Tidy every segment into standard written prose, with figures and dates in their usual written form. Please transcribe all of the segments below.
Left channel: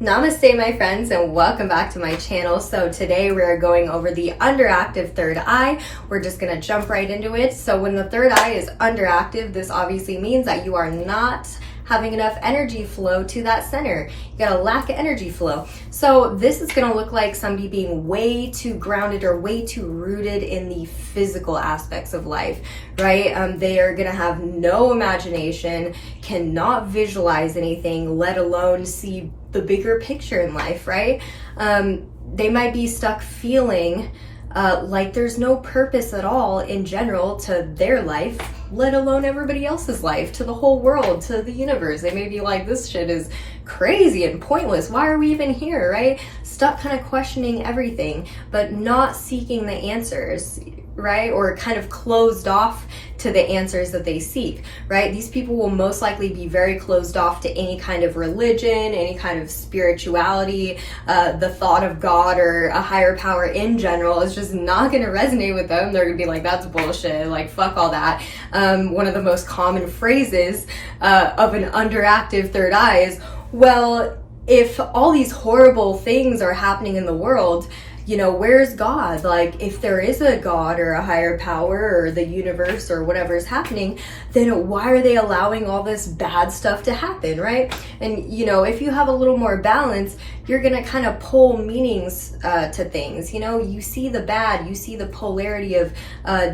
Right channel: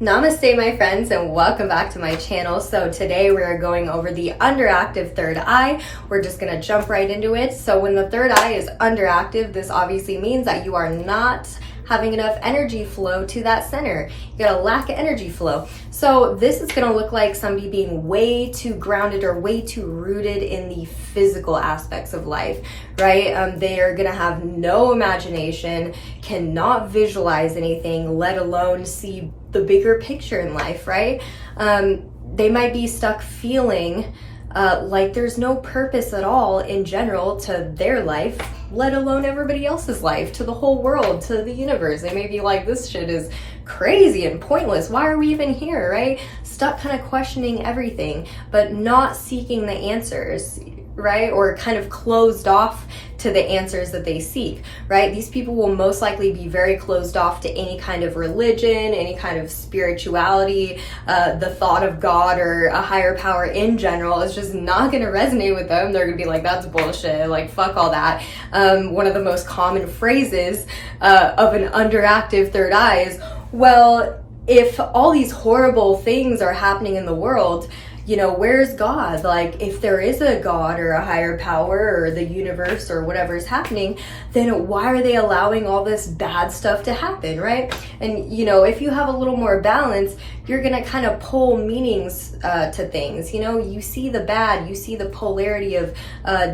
Namaste, my friends, and welcome back to my channel. So today we are going over the underactive third eye. We're just going to jump right into it. So when the third eye is underactive, this obviously means that you are not having enough energy flow to that center. You got a lack of energy flow. So this is gonna look like somebody being way too grounded or way too rooted in the physical aspects of life, right? They are gonna have no imagination, cannot visualize anything, let alone see the bigger picture in life, right? They might be stuck feeling like there's no purpose at all in general to their life, let alone everybody else's life, to the whole world, to the universe. They may be like, this shit is crazy and pointless. Why are we even here, right? Stuck kind of questioning everything, but not seeking the answers, right? Or kind of closed off to the answers that they seek, right? These people will most likely be very closed off to any kind of religion, any kind of spirituality, the thought of God or a higher power in general is just not going to resonate with them. They're going to be like, that's bullshit, like fuck all that. One of the most common phrases of an underactive third eye is, well, if all these horrible things are happening in the world, you know, where's God? Like, if there is a God or a higher power or the universe or whatever is happening, then why are they allowing all this bad stuff to happen, right? And, you know, if you have a little more balance, you're gonna kind of pull meanings to things. You know, you see the bad, you see the polarity of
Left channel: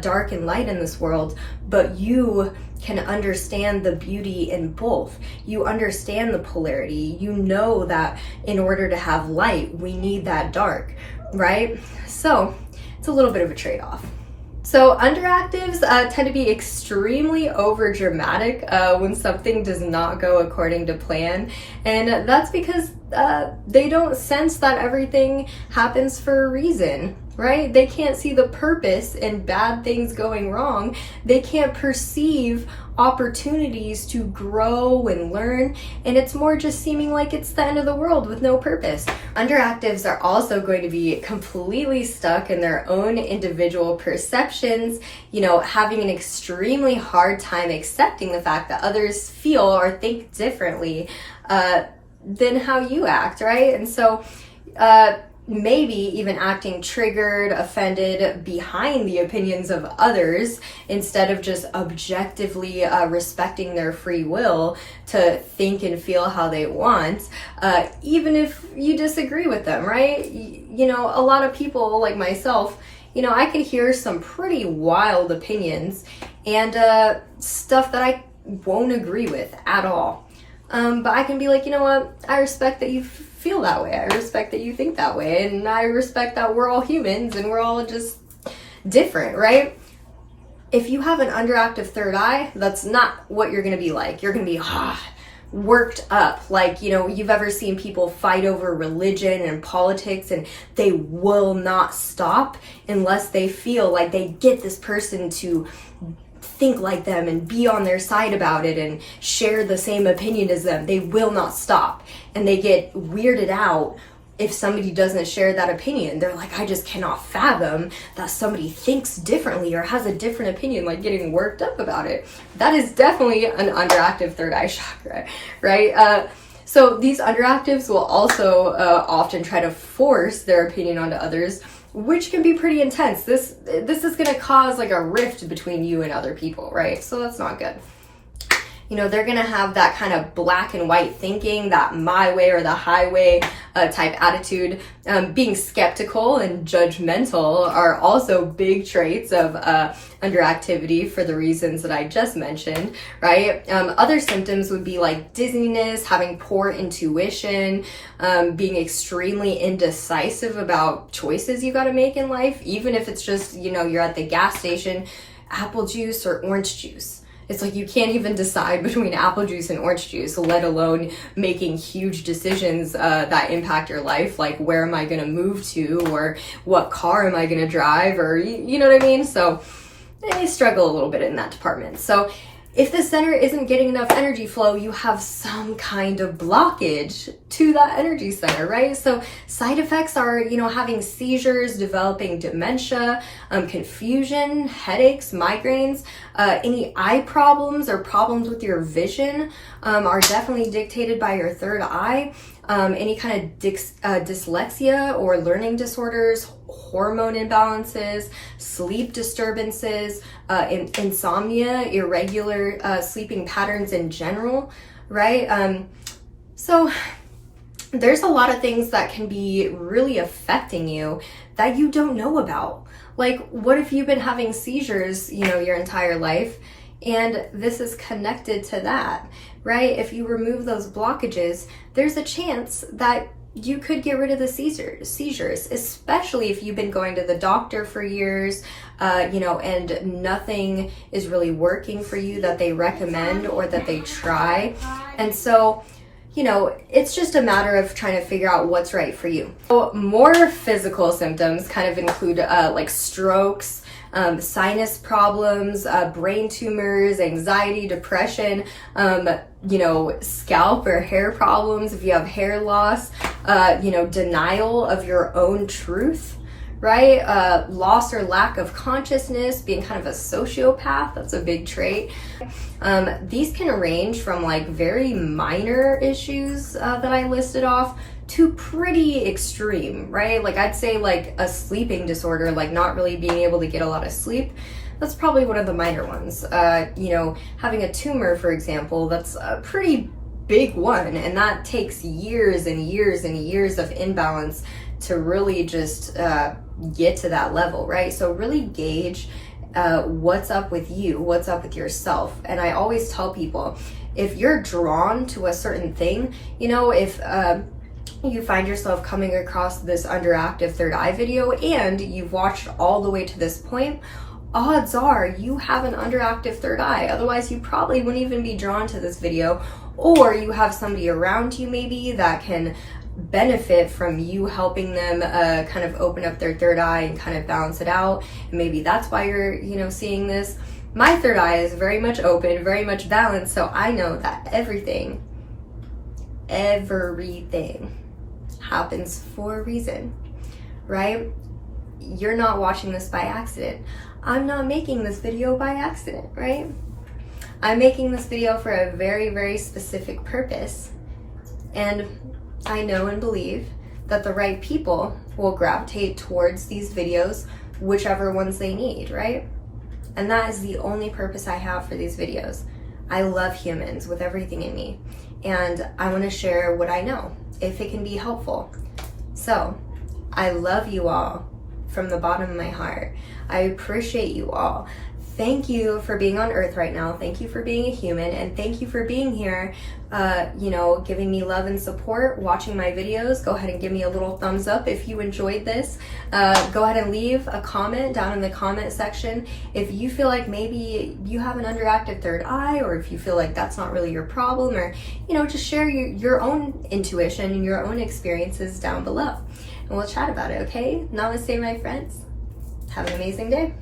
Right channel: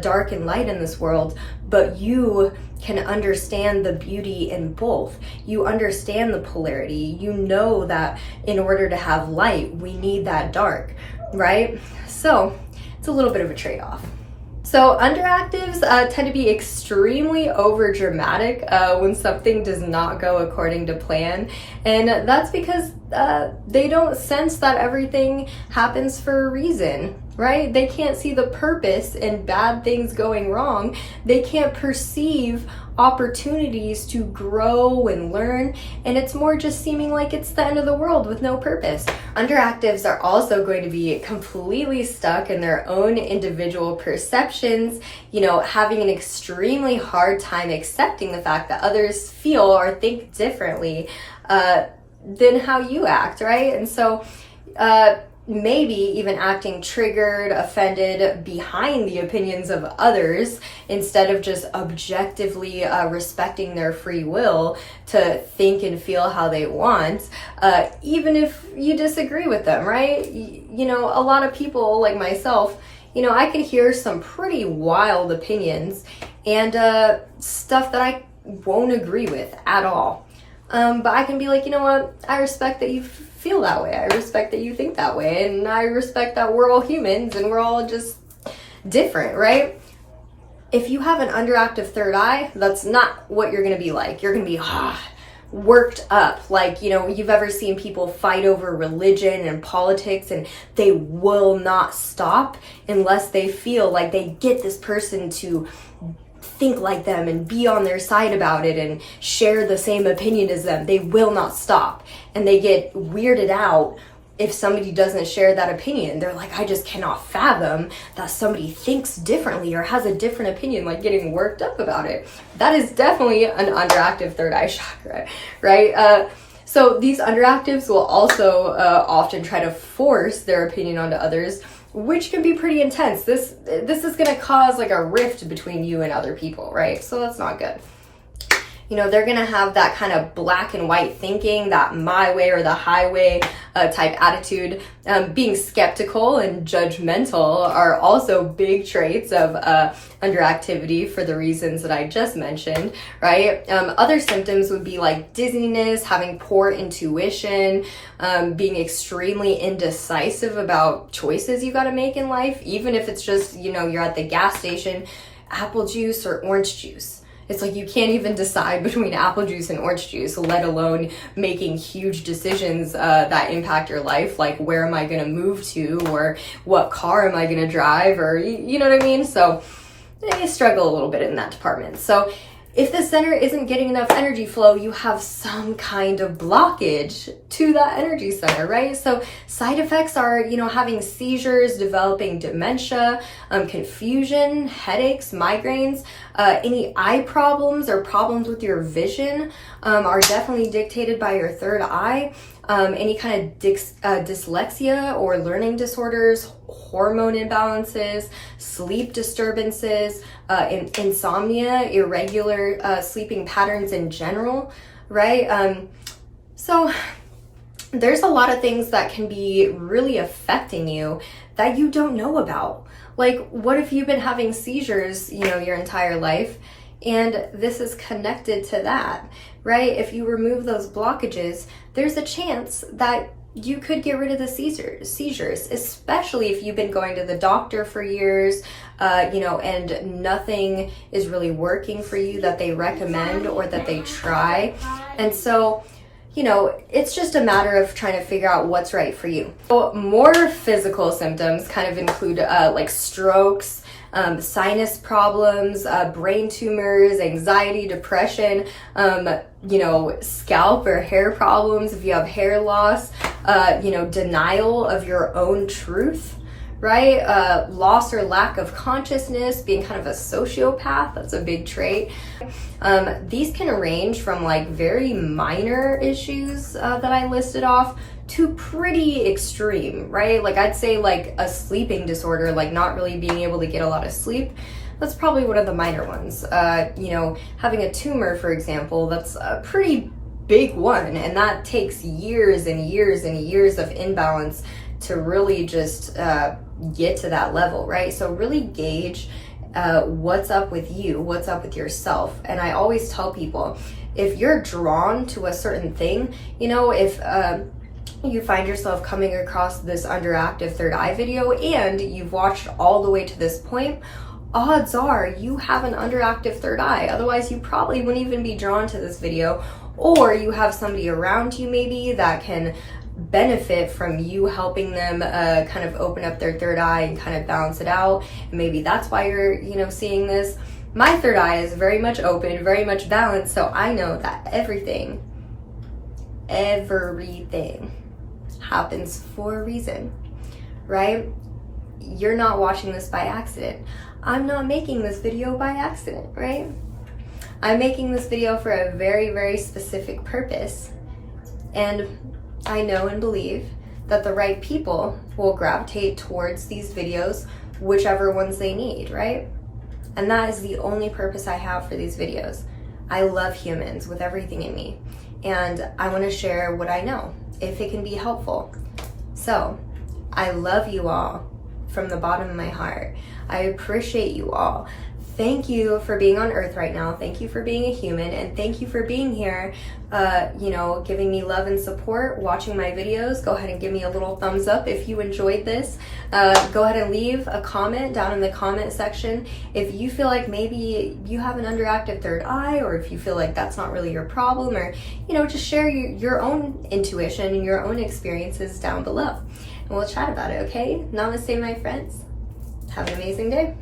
dark and light in this world, but you can understand the beauty in both. You understand the polarity. You know that in order to have light, we need that dark, right? So it's a little bit of a trade-off. So underactives tend to be extremely over dramatic when something does not go according to plan. And that's because they don't sense that everything happens for a reason, right? They can't see the purpose in bad things going wrong. They can't perceive opportunities to grow and learn, and it's more just seeming like it's the end of the world with no purpose. Underactives are also going to be completely stuck in their own individual perceptions, you know, having an extremely hard time accepting the fact that others feel or think differently than how you act, right? And so maybe even acting triggered, offended behind the opinions of others instead of just objectively respecting their free will to think and feel how they want, even if you disagree with them, right? You know, a lot of people like myself, you know, I could hear some pretty wild opinions and stuff that I won't agree with at all. But I can be like, you know what? I respect that you feel that way. I respect that you think that way. And I respect that we're all humans and we're all just different, right? If you have an underactive third eye, that's not what you're going to be like. You're going to be worked up. Like, you know, you've ever seen people fight over religion and politics and they will not stop unless they feel like they get this person to think like them and be on their side about it and share the same opinion as them. They will not stop, and they get weirded out if somebody doesn't share that opinion. They're like, I just cannot fathom that somebody thinks differently or has a different opinion, like getting worked up about it. That is definitely an underactive third eye chakra, right? So these underactives will also often try to force their opinion onto others, which can be pretty intense. This is going to cause like a rift between you and other people, right? So that's not good. You know, they're going to have that kind of black and white thinking, that my way or the highway type attitude. Being skeptical and judgmental are also big traits of underactivity for the reasons that I just mentioned, right? Other symptoms would be like dizziness, having poor intuition, being extremely indecisive about choices you got to make in life, even if it's just, you know, you're at the gas station, apple juice or orange juice. It's like you can't even decide between apple juice and orange juice, let alone making huge decisions that impact your life, like where am I going to move to or what car am I going to drive, or you know what I mean? So they struggle a little bit in that department. So if the center isn't getting enough energy flow, you have some kind of blockage to that energy center, right? So side effects are, having seizures, developing dementia, confusion, headaches, migraines, any eye problems or problems with your vision are definitely dictated by your third eye. Any kind of dyslexia or learning disorders, hormone imbalances, sleep disturbances, insomnia, irregular sleeping patterns in general, right? So there's a lot of things that can be really affecting you that you don't know about. Like, what if you've been having seizures, your entire life, and this is connected to that, right? If you remove those blockages, there's a chance that you could get rid of the seizures, especially if you've been going to the doctor for years, and nothing is really working for you that they recommend or that they try. And so, it's just a matter of trying to figure out what's right for you. So more physical symptoms kind of include like strokes, sinus problems, brain tumors, anxiety, depression, scalp or hair problems if you have hair loss, denial of your own truth, right? Loss or lack of consciousness, being kind of a sociopath, that's a big trait. These can range from like very minor issues that I listed off to pretty extreme, right? Like I'd say like a sleeping disorder, like not really being able to get a lot of sleep. That's probably one of the minor ones. Having a tumor, for example, that's a pretty big one, and that takes years and years and years of imbalance to really just get to that level, right? So really gauge what's up with you, what's up with yourself. And I always tell people, if you're drawn to a certain thing, if you find yourself coming across this Underactive third eye video and you've watched all the way to this point, odds are you have an underactive third eye. Otherwise, you probably wouldn't even be drawn to this video, or you have somebody around you maybe that can benefit from you helping them kind of open up their third eye and kind of balance it out. And maybe that's why you're, seeing this. My third eye is very much open, very much balanced, so I know that everything happens for a reason, right? You're not watching this by accident. I'm not making this video by accident, right? I'm making this video for a very, very specific purpose. And I know and believe that the right people will gravitate towards these videos, whichever ones they need, right? And that is the only purpose I have for these videos. I love humans with everything in me, and I want to share what I know, if it can be helpful. So, I love you all from the bottom of my heart. I appreciate you all. Thank you for being on Earth right now. Thank you for being a human, and thank you for being here, giving me love and support, watching my videos. Go ahead and give me a little thumbs up if you enjoyed this. Go ahead and leave a comment down in the comment section if you feel like maybe you have an underactive third eye, or if you feel like that's not really your problem, or, just share your own intuition and your own experiences down below. And we'll chat about it, okay? Namaste, my friends. Have an amazing day.